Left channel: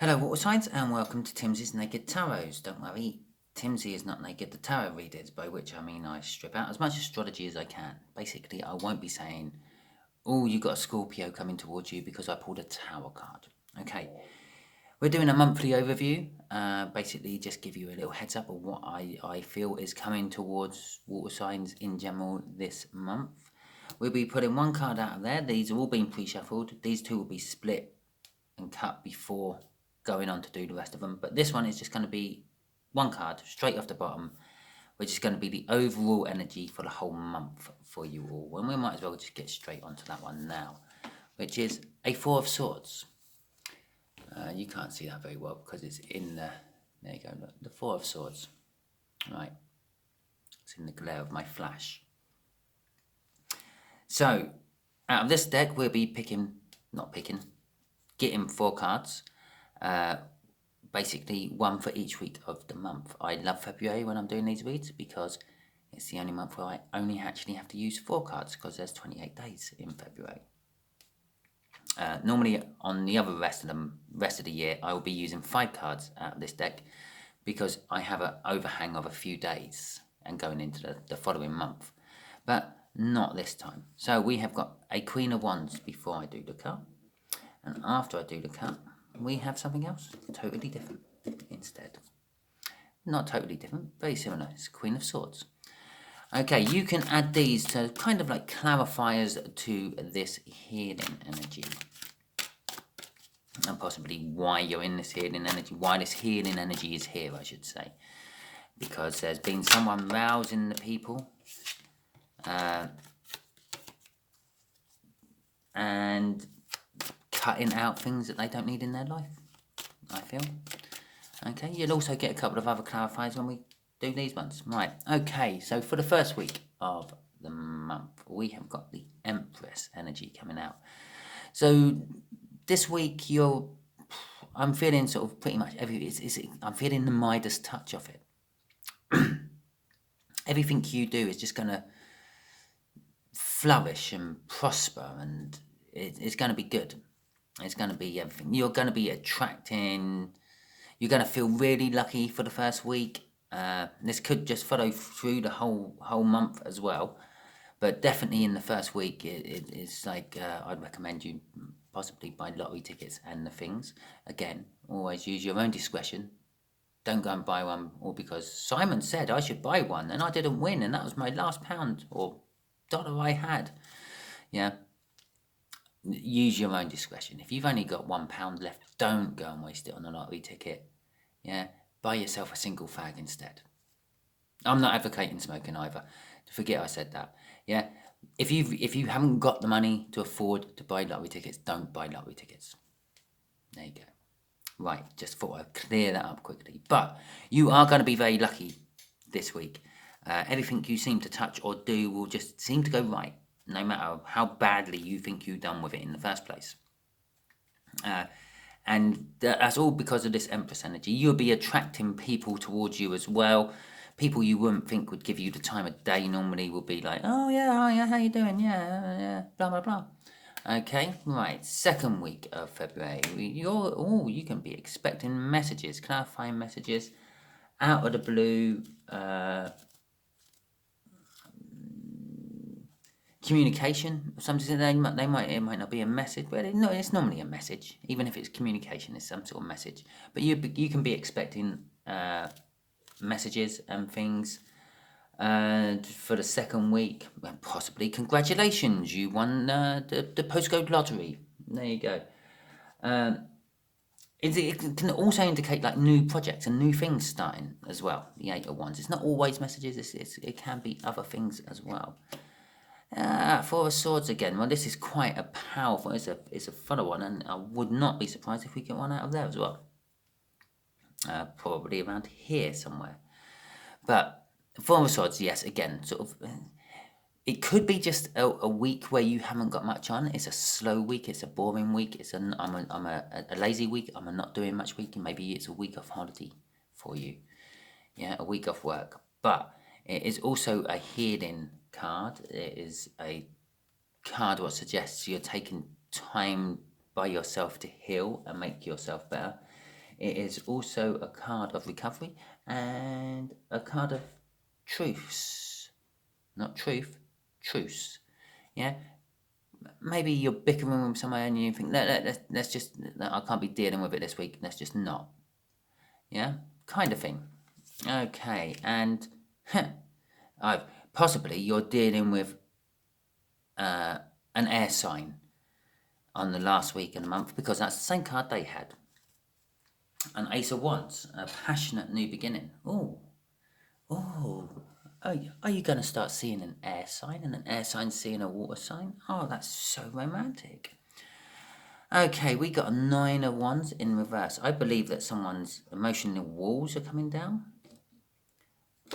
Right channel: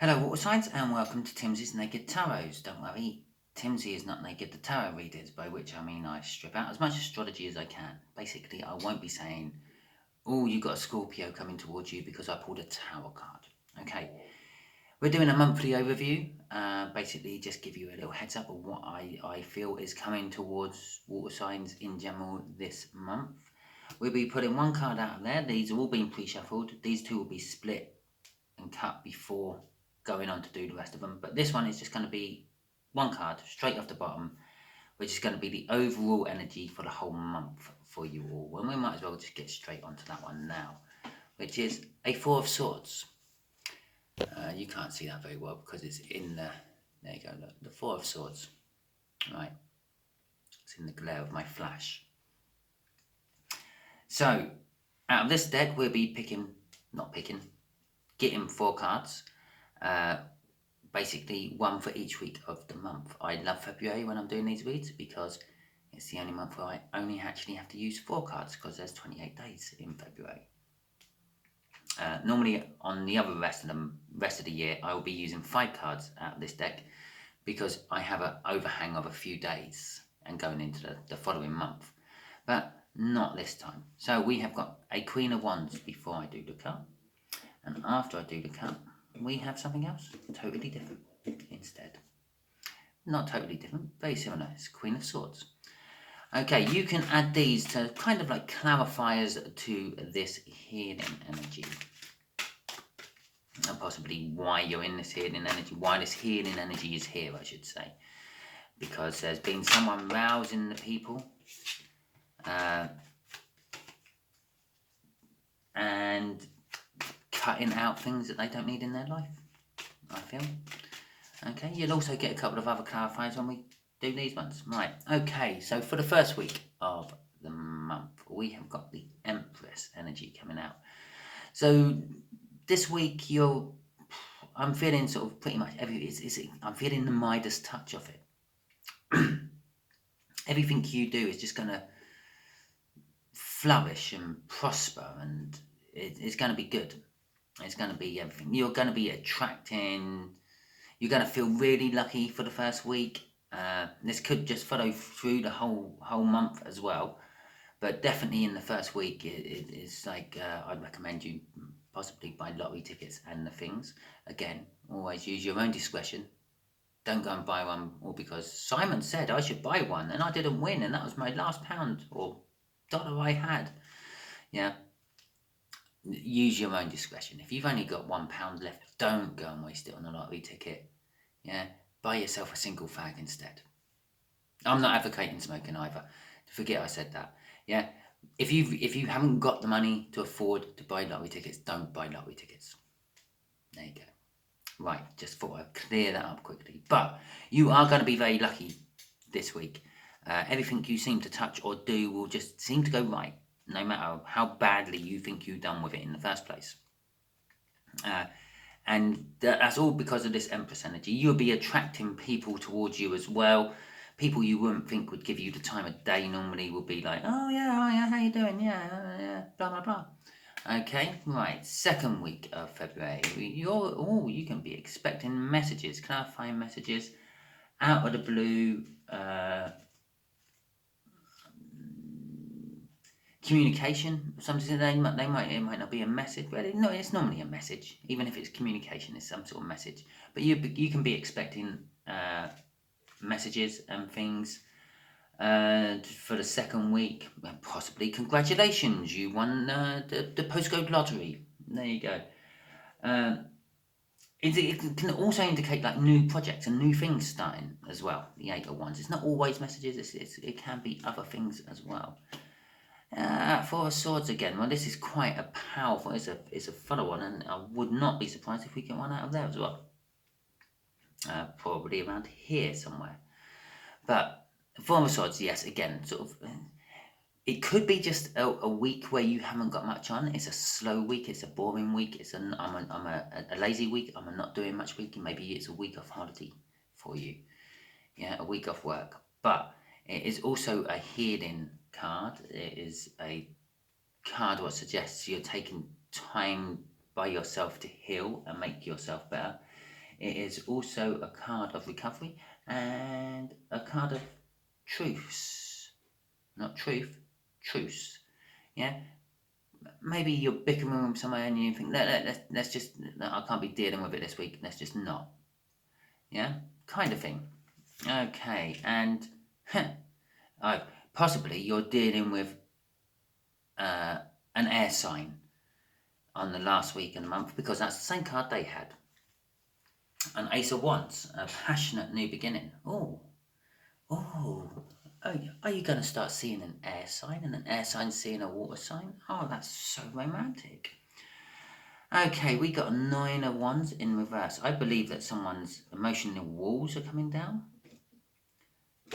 Hello water signs and welcome to Timsy's Naked Tarots. Don't worry, Timsy is not naked, the tarot readers, by which I mean I strip out as much astrology as I can. Basically, I won't be saying, oh, you got a Scorpio coming towards you because I pulled a tower card. Okay, we're doing a monthly overview, basically just give you a little heads up of what I feel is coming towards water signs in general this month. We'll be putting one card out of there. These are all being pre-shuffled. These two will be split and cut before going on to do the rest of them. But this one is just going to be one card straight off the bottom, which is going to be the overall energy for the whole month for you all. And we might as well just get straight onto that one now, which is a Four of Swords. You can't see that very well because it's in the, there you go, look, the Four of Swords. Right, it's in the glare of my flash. So, out of this deck, we'll be getting 4 cards. Basically one for each week of the month. I love February when I'm doing these reads because it's the only month where I only actually have to use 4 cards because there's 28 days in February. Normally on the other rest of the year I will be using 5 cards out of this deck because I have an overhang of a few days and going into the following month, but not this time. So we have got a Queen of Wands before I do the cut, and after I do the cut we have something else totally different instead. Not totally different, very similar. It's Queen of Swords. Okay, you can add these to kind of like clarifiers to this healing energy. And possibly why you're in this healing energy, why this healing energy is here, I should say. Because there's been someone rousing the people. And cutting out things that they don't need in their life, I feel. Okay, you'll also get a couple of other clarifiers when we do these ones. Right, okay, so for the first week of the month, we have got the Empress energy coming out. So this week, I'm feeling sort of pretty much I'm feeling the Midas touch of it. Everything you do is just going to flourish and prosper, and it's going to be good. It's going to be everything. You're going to be attracting. You're going to feel really lucky for the first week. This could just follow through the whole month as well, but definitely in the first week, it's like I'd recommend you possibly buy lottery tickets and the things. Again, always use your own discretion. Don't go and buy one all because Simon said I should buy one and I didn't win, and that was my last pound or dollar I had. Yeah. Use your own discretion. If you've only got £1 left, don't go and waste it on a lottery ticket. Yeah, buy yourself a single fag instead. I'm not advocating smoking either. Forget I said that. Yeah, if you haven't got the money to afford to buy lottery tickets, don't buy lottery tickets. There you go. Right, just thought I'd clear that up quickly. But you are going to be very lucky this week. Everything you seem to touch or do will just seem to go right, no matter how badly you think you've done with it in the first place. And that's all because of this Empress energy. You'll be attracting people towards you as well. People you wouldn't think would give you the time of day normally will be like, oh yeah, how you doing? Yeah, blah blah blah. Okay, right. Second week of February, you can be expecting messages, clarifying messages, out of the blue. Communication, something it might not be a message, but it's normally a message. Even if it's communication, it's some sort of message. But you can be expecting messages and things for the second week. And possibly congratulations, you won the postcode lottery. There you go. It can also indicate like new projects and new things starting as well. The 8 of Wands. It's not always messages. It can be other things as well. Four of Swords again. Well, this is quite a powerful. It's a follow on, and I would not be surprised if we get one out of there as well. Probably around here somewhere. But Four of Swords, yes, again, sort of. It could be just a week where you haven't got much on. It's a slow week. It's a boring week. I'm a lazy week. I'm a not doing much week, and maybe it's a week off holiday for you. Yeah, a week off work. But it is also a healing card. It is a card what suggests you're taking time by yourself to heal and make yourself better. It is also a card of recovery and a card of truce. Not truth, truce. Yeah? Maybe you're bickering with somebody and you think, let's just, I can't be dealing with it this week, let's just not. Yeah? Kind of thing. Okay, and possibly you're dealing with an air sign on the last week of the month, because that's the same card they had. An Ace of Wands, a passionate new beginning. Oh, are you going to start seeing an air sign and an air sign seeing a water sign? Oh, that's so romantic. Okay, we got a Nine of Wands in reverse. I believe that someone's emotional walls are coming down.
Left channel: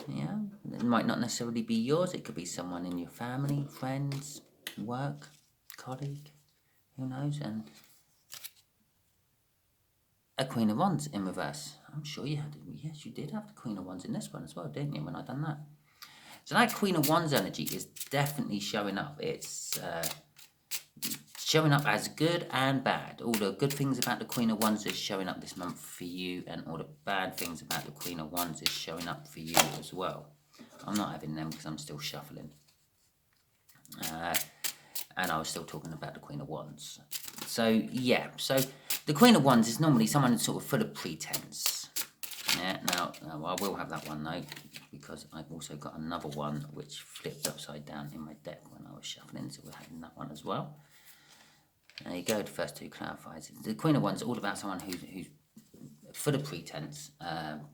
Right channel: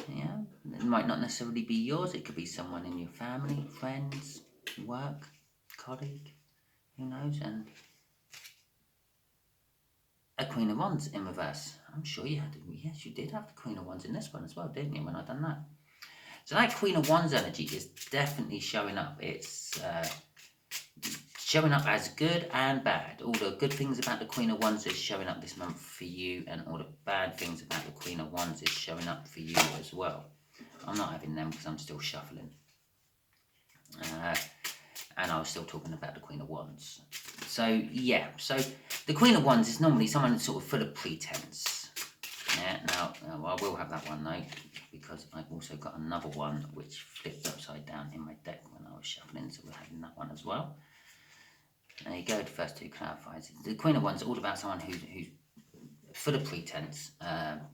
Yeah, it might not necessarily be yours. It could be someone in your family, friends, work, colleague, who knows? And a Queen of Wands in reverse. I'm sure you had, yes, you did have the Queen of Wands in this one as well, didn't you, when I done that? So that Queen of Wands energy is definitely showing up. It's showing up as good and bad. All the good things about the Queen of Wands is showing up this month for you, and all the bad things about the Queen of Wands is showing up for you as well. I'm not having them because I'm still shuffling. And I was still talking about the Queen of Wands. So, yeah. So, the Queen of Wands is normally someone sort of full of pretense. Yeah, now, I will have that one though, because I've also got another one which flipped upside down in my deck when I was shuffling, so we're having that one as well. There you go, the first two clarifies. The Queen of Wands is all about someone who's full of pretense,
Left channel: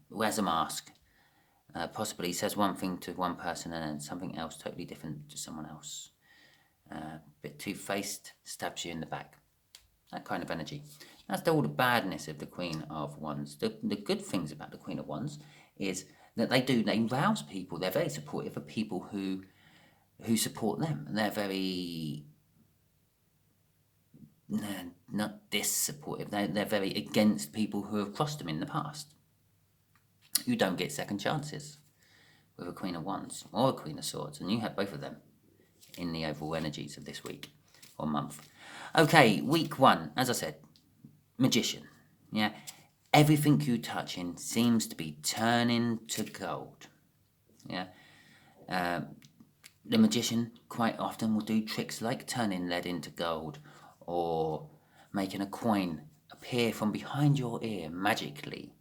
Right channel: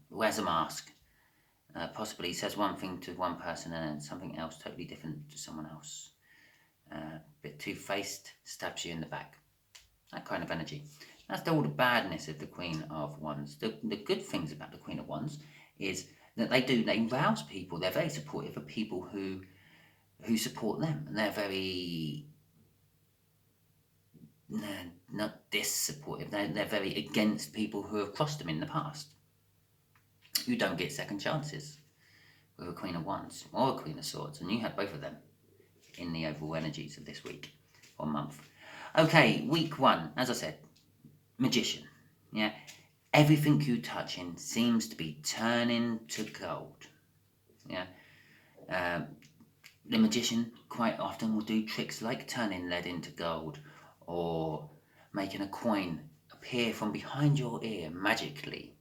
wears a mask, possibly says one thing to one person and then something else totally different to someone else. Bit two-faced, stabs you in the back. That kind of energy. That's all the badness of the Queen of Wands. The good things about the Queen of Wands is that they rouse people. They're very supportive of people who support them. And they're very, not dis-supportive. They're very against people who have crossed them in the past. You don't get second chances with a Queen of Wands or a Queen of Swords. And you have both of them in the overall energies of this week or month. Okay, week one, as I said, Magician. Yeah, everything you touch in seems to be turning to gold. Yeah, the magician quite often will do tricks like turning lead into gold, or making a coin appear from behind your ear magically.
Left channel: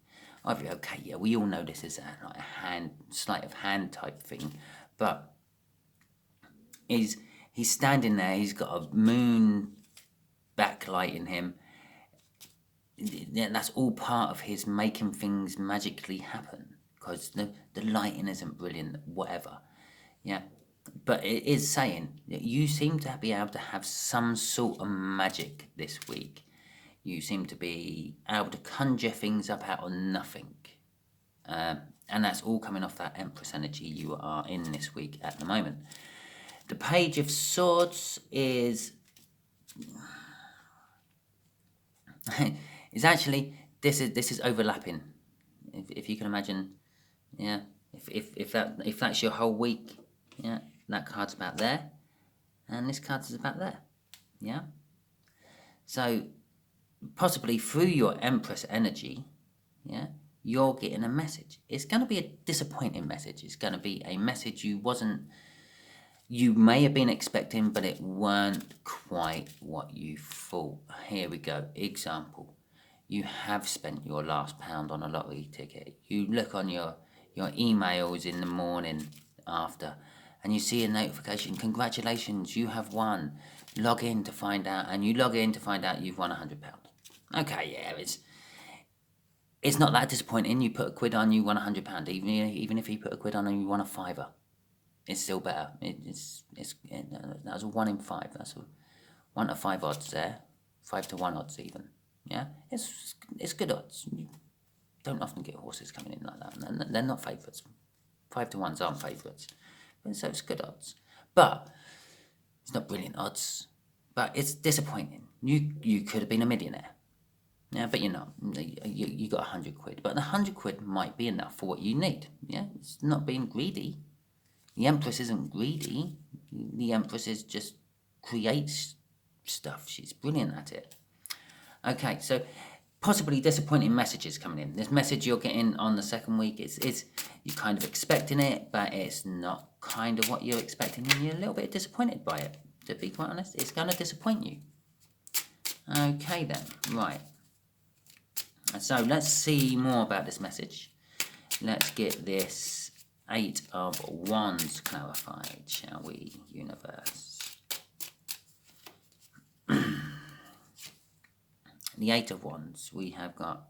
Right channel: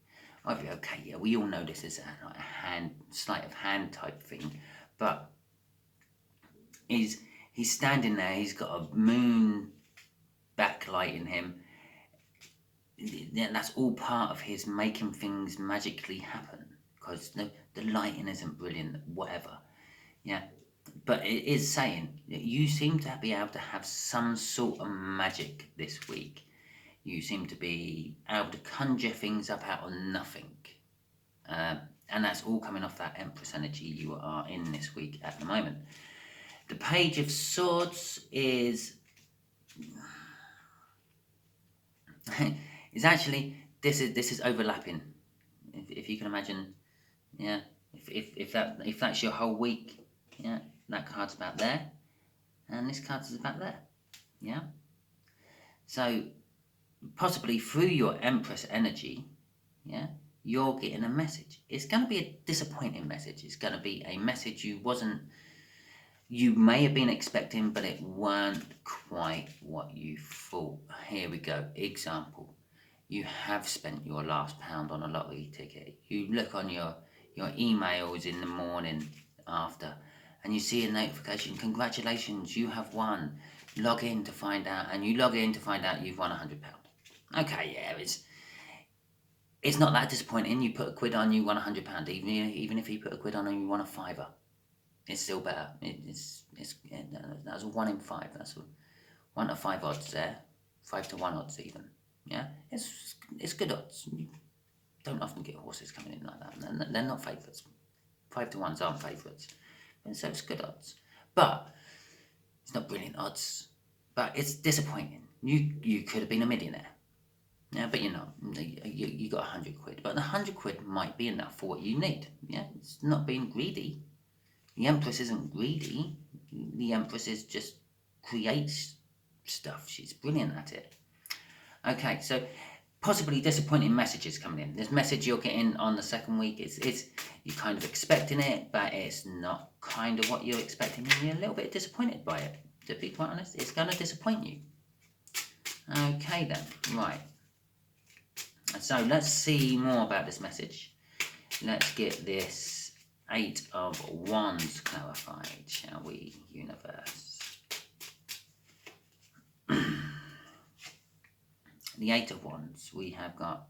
Okay, yeah, we all know this is like a sleight of hand type thing, but he's standing there. He's got a moon backlighting him. That's all part of his making things magically happen, because the lighting isn't brilliant, whatever. Yeah, but it is saying that you seem to be able to have some sort of magic this week. You seem to be able to conjure things up out of nothing. And that's all coming off that Empress energy you are in this week at the moment. The Page of Swords is actually, this is overlapping. If you can imagine, yeah. If that's your whole week, yeah, that card's about there, and this card is about there, yeah. So possibly through your Empress energy, yeah, you're getting a message. It's going to be a disappointing message. It's going to be a message you may have been expecting, but it weren't quite what you thought. Here we go. Example. You have spent your last £1 on a lottery ticket. You look on your emails in the morning after, and you see a notification. Congratulations, you have won. Log in to find out, and you log in to find out you've won £100. Okay, yeah, it's not that disappointing. You put a quid on, you won £100. Even if you put a quid on and you won a fiver, it's still better. That's a 1 in 5. That's 1 to 5 odds there, 5 to 1 odds even. Yeah, it's good odds. You don't often get horses coming in like that. They're not favourites. 5 to 1s aren't favourites, so it's good odds. But it's not brilliant odds. But it's disappointing. You could have been a millionaire. Yeah, but you're not. You got 100 quid. But the 100 quid might be enough for what you need. Yeah, it's not being greedy. The Empress isn't greedy. The Empress is just creates stuff. She's brilliant at it. Okay, so possibly disappointing messages coming in. This message you're getting on the second week, it's you're kind of expecting it, but it's not kind of what you're expecting. You're a little bit disappointed by it, to be quite honest. It's going to disappoint you. Okay then, right. So let's see more about this message. Let's get this 8 of Wands clarified, shall we, universe? The 8 of Wands, we have got...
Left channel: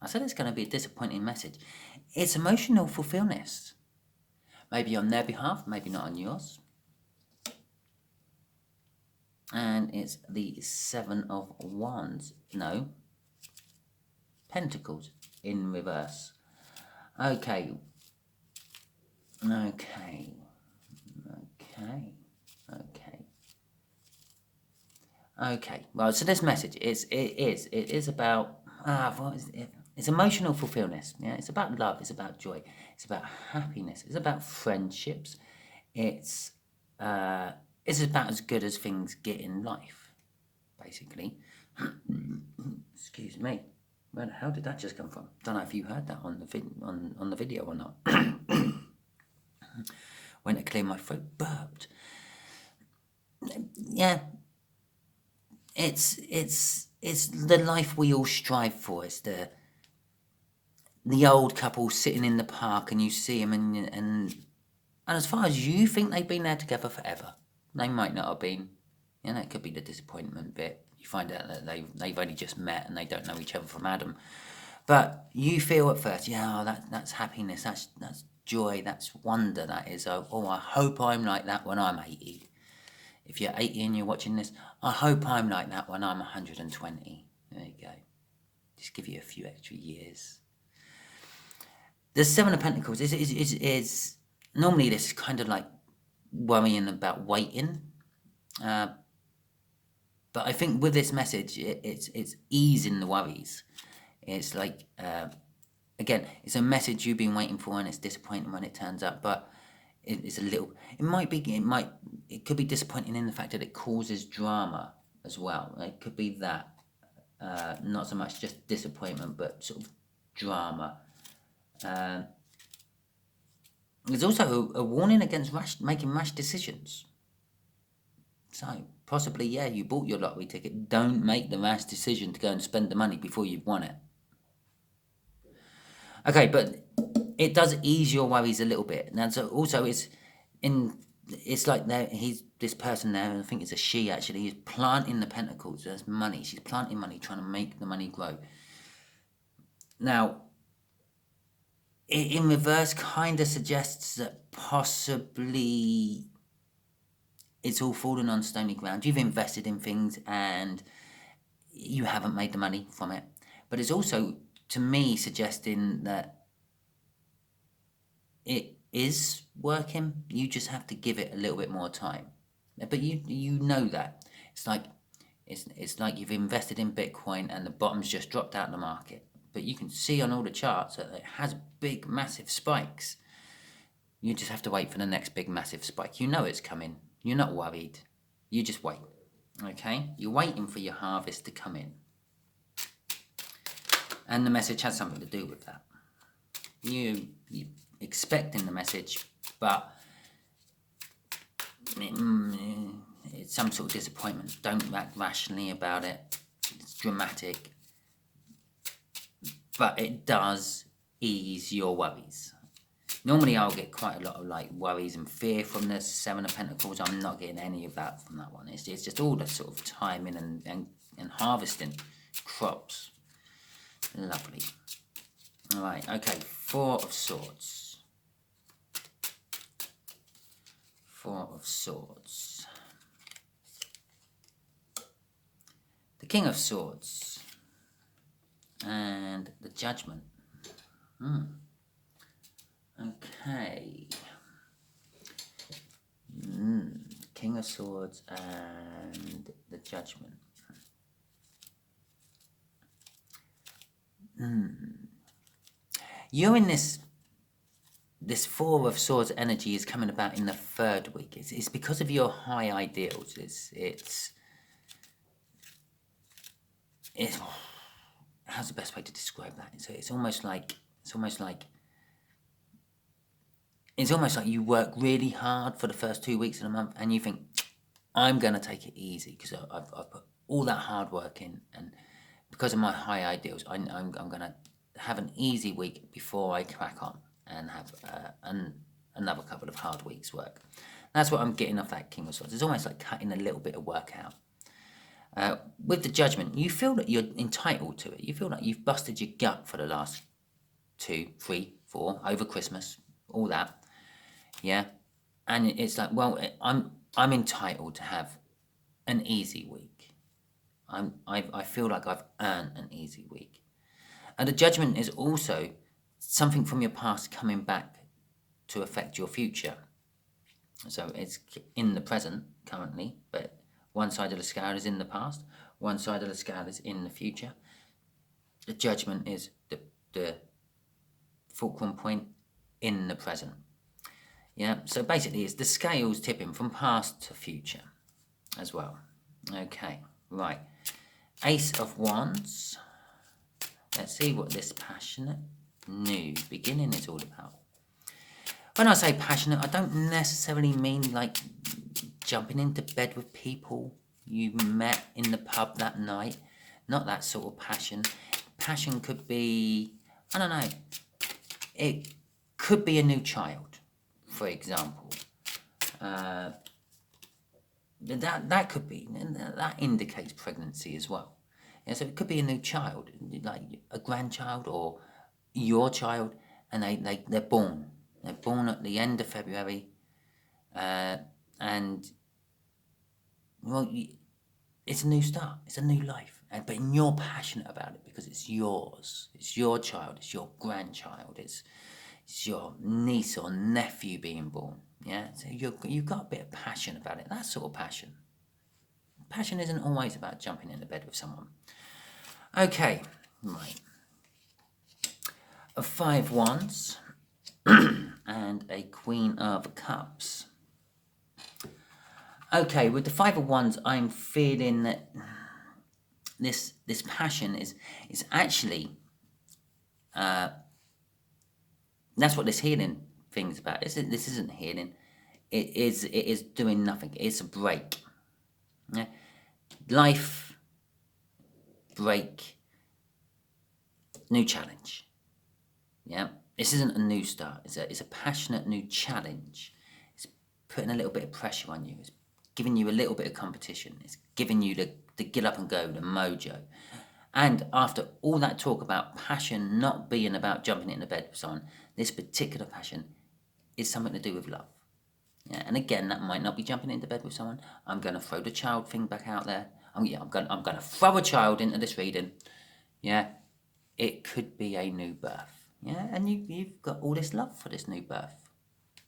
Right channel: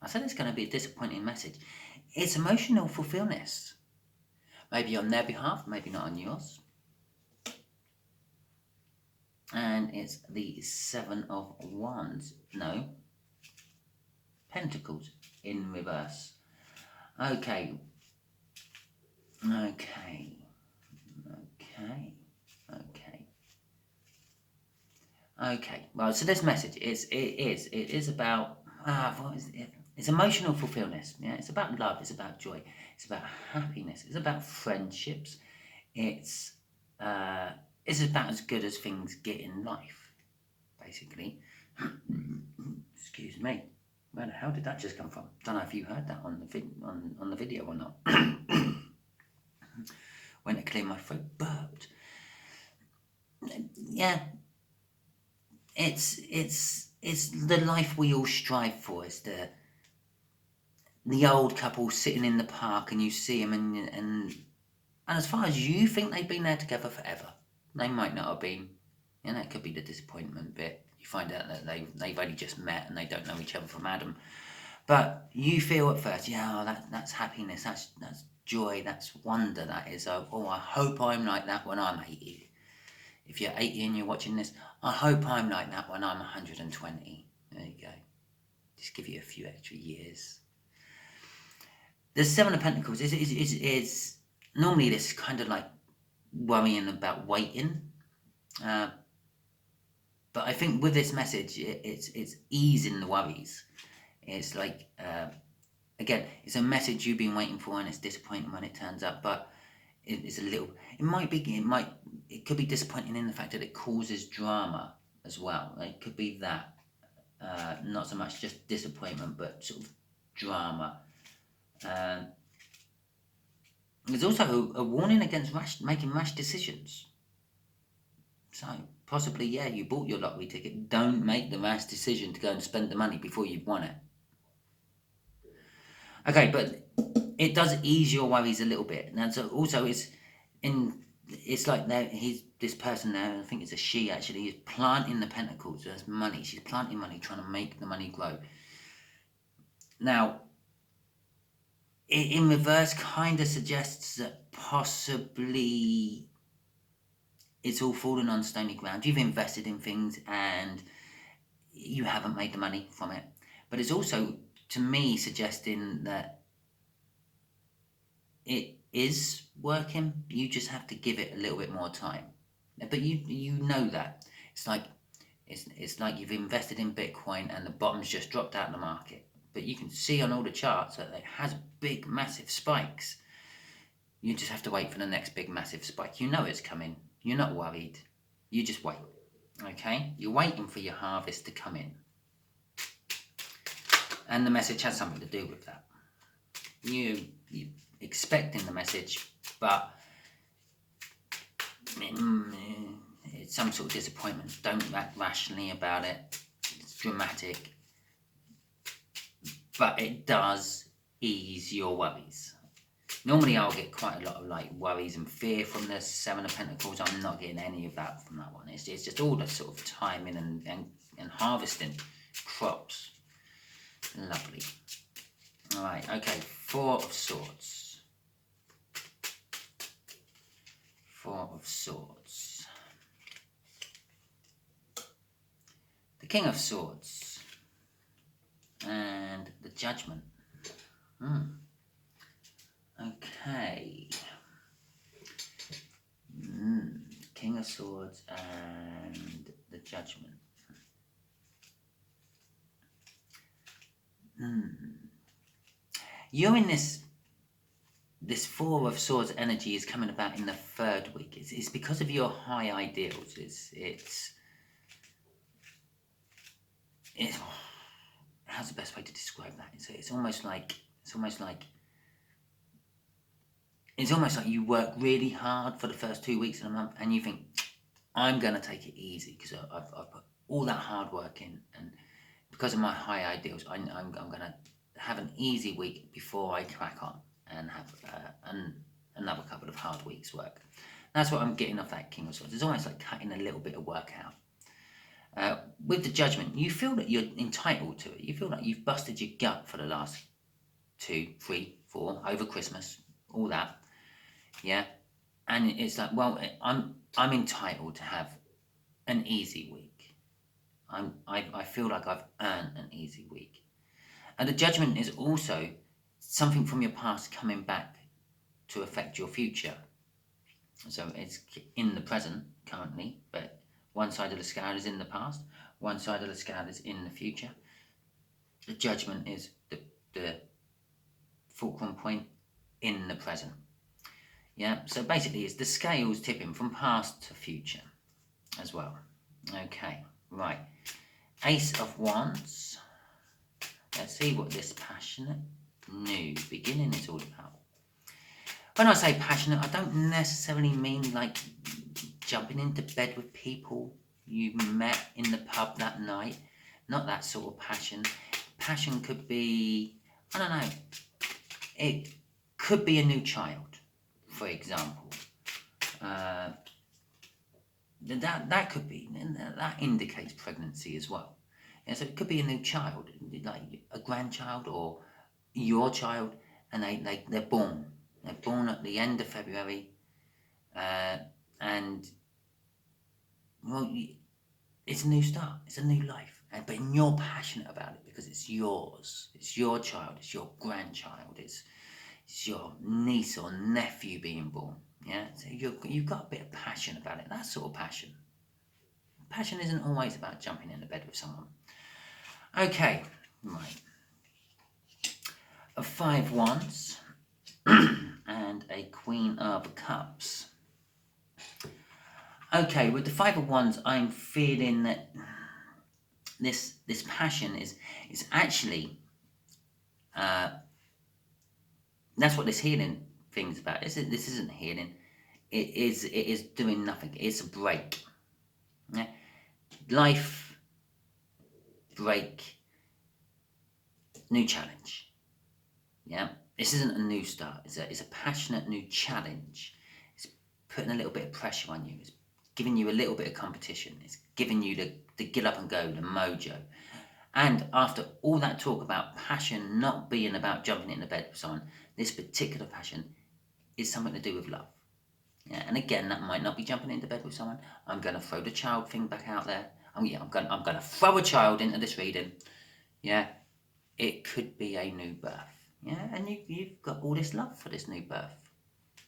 I said it's going to be a disappointing message. It's emotional fulfillment. Maybe on their behalf, maybe not on yours. And it's the 7 of Wands. No. Pentacles in reverse. Okay. Okay. Well, so this message it is about what is it? It's emotional fulfillment. Yeah, it's about love. It's about joy. It's about happiness. It's about friendships. It's about as good as things get in life, basically. Excuse me. Where the hell did that just come from? Don't know if you heard that on the video or not. Went to clear my throat, burped. Yeah. It's the life we all strive for. It's the old couple sitting in the park and you see them and as far as you think they've been there together forever, they might not have been. And that could be the disappointment bit. You find out that they've only just met and they don't know each other from Adam. But you feel at first, yeah, that's happiness, that's joy, that's wonder, that is. Oh, I hope I'm like that when I'm 80. If you're 80 and you're watching this, I hope I'm like that when I'm 120. There you go. Just give you a few extra years. The 7 of Pentacles is normally this is kind of like worrying about waiting. But I think with this message, it's easing the worries. It's like, again, it's a message you've been waiting for and it's disappointing when it turns up, but it's a little, it could be disappointing in the fact that it causes drama as well. It could be that, not so much just disappointment, but sort of drama. There's also a warning against making rash decisions. So, possibly, yeah, you bought your lottery ticket. Don't make the rash decision to go and spend the money before you've won it. Okay, but it does ease your worries a little bit. And so also, it's like this person there, I think it's a she actually, is planting the pentacles. There's money. She's planting money, trying to make the money grow. Now, in reverse, kind of suggests that possibly it's all fallen on stony ground. You've invested in things and you haven't made the money from it. But it's also, to me, suggesting that it is working. You just have to give it a little bit more time. But you know that. It's like you've invested in Bitcoin and the bottom's just dropped out of the market. But you can see on all the charts that it has big, massive spikes. You just have to wait for the next big, massive spike. You know it's coming. You're not worried. You just wait. Okay? You're waiting for your harvest to come in. And the message has something to do with that. You're expecting the message, but it's some sort of disappointment. Don't act rationally about it. It's dramatic. But it does ease your worries. Normally I'll get quite a lot of like worries and fear from the 7 of Pentacles. I'm not getting any of that from that one. It's just all the sort of timing and harvesting crops. Lovely. Alright, okay. 4 of Swords. 4 of Swords. The King of Swords. And the Judgment. Okay. King of Swords and the Judgment. You're in this 4 of Swords energy is coming about in the 3rd week. It's because of your high ideals. it's, how's the best way to describe that? It's almost like you work really hard for the first 2 weeks of the month, and you think, I'm going to take it easy because I've put all that hard work in, and because of my high ideals, I'm going to have an easy week before I crack on and have another couple of hard weeks' work. That's what I'm getting off that King of Swords. It's almost like cutting a little bit of work out. With the Judgment, you feel that you're entitled to it. You feel like you've busted your gut for the last 2, 3, 4, over Christmas, all that. Yeah, and it's like, well, I'm entitled to have an easy week. I feel like I've earned an easy week. And the Judgment is also something from your past coming back to affect your future. So it's in the present currently, but one side of the scale is in the past, one side of the scale is in the future. The Judgment is the fulcrum point in the present. Yeah, so basically it's the scales tipping from past to future as well. Okay, right. Ace of Wands. Let's see what this passionate new beginning is all about. When I say passionate, I don't necessarily mean like jumping into bed with people you met in the pub that night. Not that sort of passion. Passion could be, I don't know, it could be a new child, for example. That could be, that indicates pregnancy as well. Yeah, so it could be a new child, like a grandchild or your child, and they're born. They're born at the end of February, and well, it's a new start. It's a new life, but you're passionate about it because it's yours. It's your child. It's your grandchild. It's your niece or nephew being born. Yeah, so you've got a bit of passion about it. That sort of passion. Passion isn't always about jumping into bed with someone. Okay, right. A 5 Wands and a Queen of Cups. Okay, with the 5 of Wands, I'm feeling that this passion is actually that's what this healing thing's about. This isn't healing. It is doing nothing. It's a break. Yeah? Life, break, new challenge. Yeah, this isn't a new start. It's a passionate new challenge. It's putting a little bit of pressure on you. It's giving you a little bit of competition. It's giving you the get up and go, the mojo. And after all that talk about passion not being about jumping into bed with someone, this particular passion is something to do with love. Yeah, and again, that might not be jumping into bed with someone. I'm going to throw the child thing back out there. I'm going to throw a child into this reading. Yeah, it could be a new birth. Yeah, and you've got all this love for this new birth.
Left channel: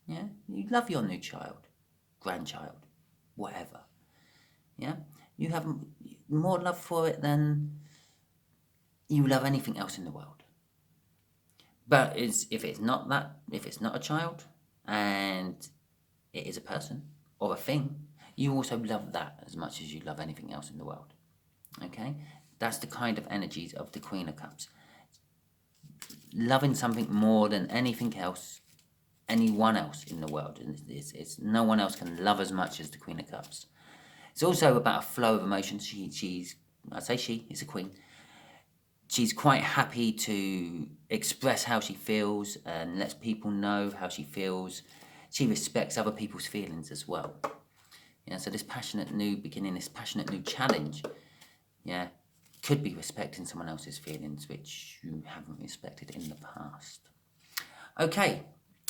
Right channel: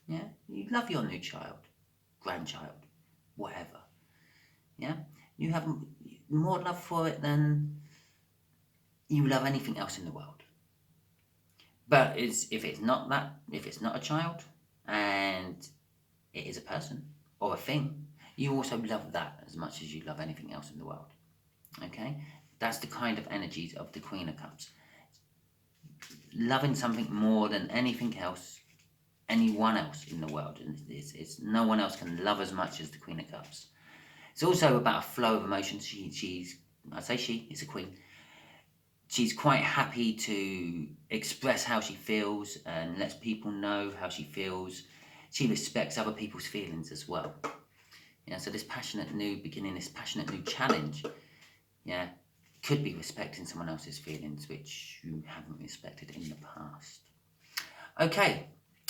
Yeah, you love your new child, grandchild, whatever. Yeah, you have more love for it than you love anything else in the world. But if it's not a child and it is a person or a thing, you also love that as much as you love anything else in the world. Okay, that's the kind of energies of the Queen of Cups. Loving something more than anything else, anyone else in the world. And it's no one else can love as much as the Queen of Cups. It's also about a flow of emotions. It's a queen. She's quite happy to express how she feels and lets people know how she feels. She respects other people's feelings as well. Yeah, so this passionate new beginning, this passionate new challenge, yeah, could be respecting someone else's feelings which you haven't respected in the past. Okay,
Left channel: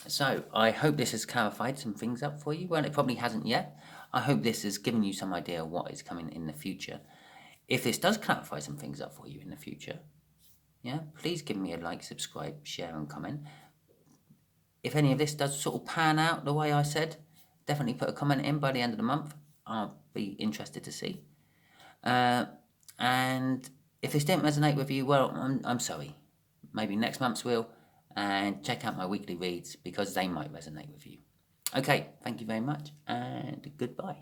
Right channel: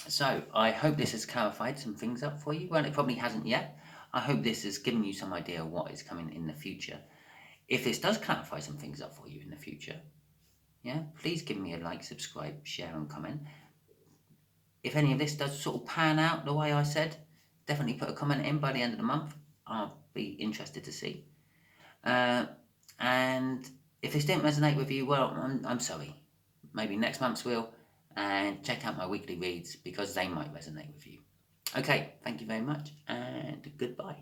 so I hope this has clarified some things up for you. Well, it probably hasn't yet. I hope this has given you some idea of what is coming in the future. If this does clarify some things up for you in the future, yeah, please give me a like, subscribe, share and comment. If any of this does sort of pan out the way I said, definitely put a comment in by the end of the month. I'll be interested to see. And if this didn't resonate with you, well, I'm sorry. Maybe next month's will. And check out my weekly reads because they might resonate with you. Okay, thank you very much and goodbye.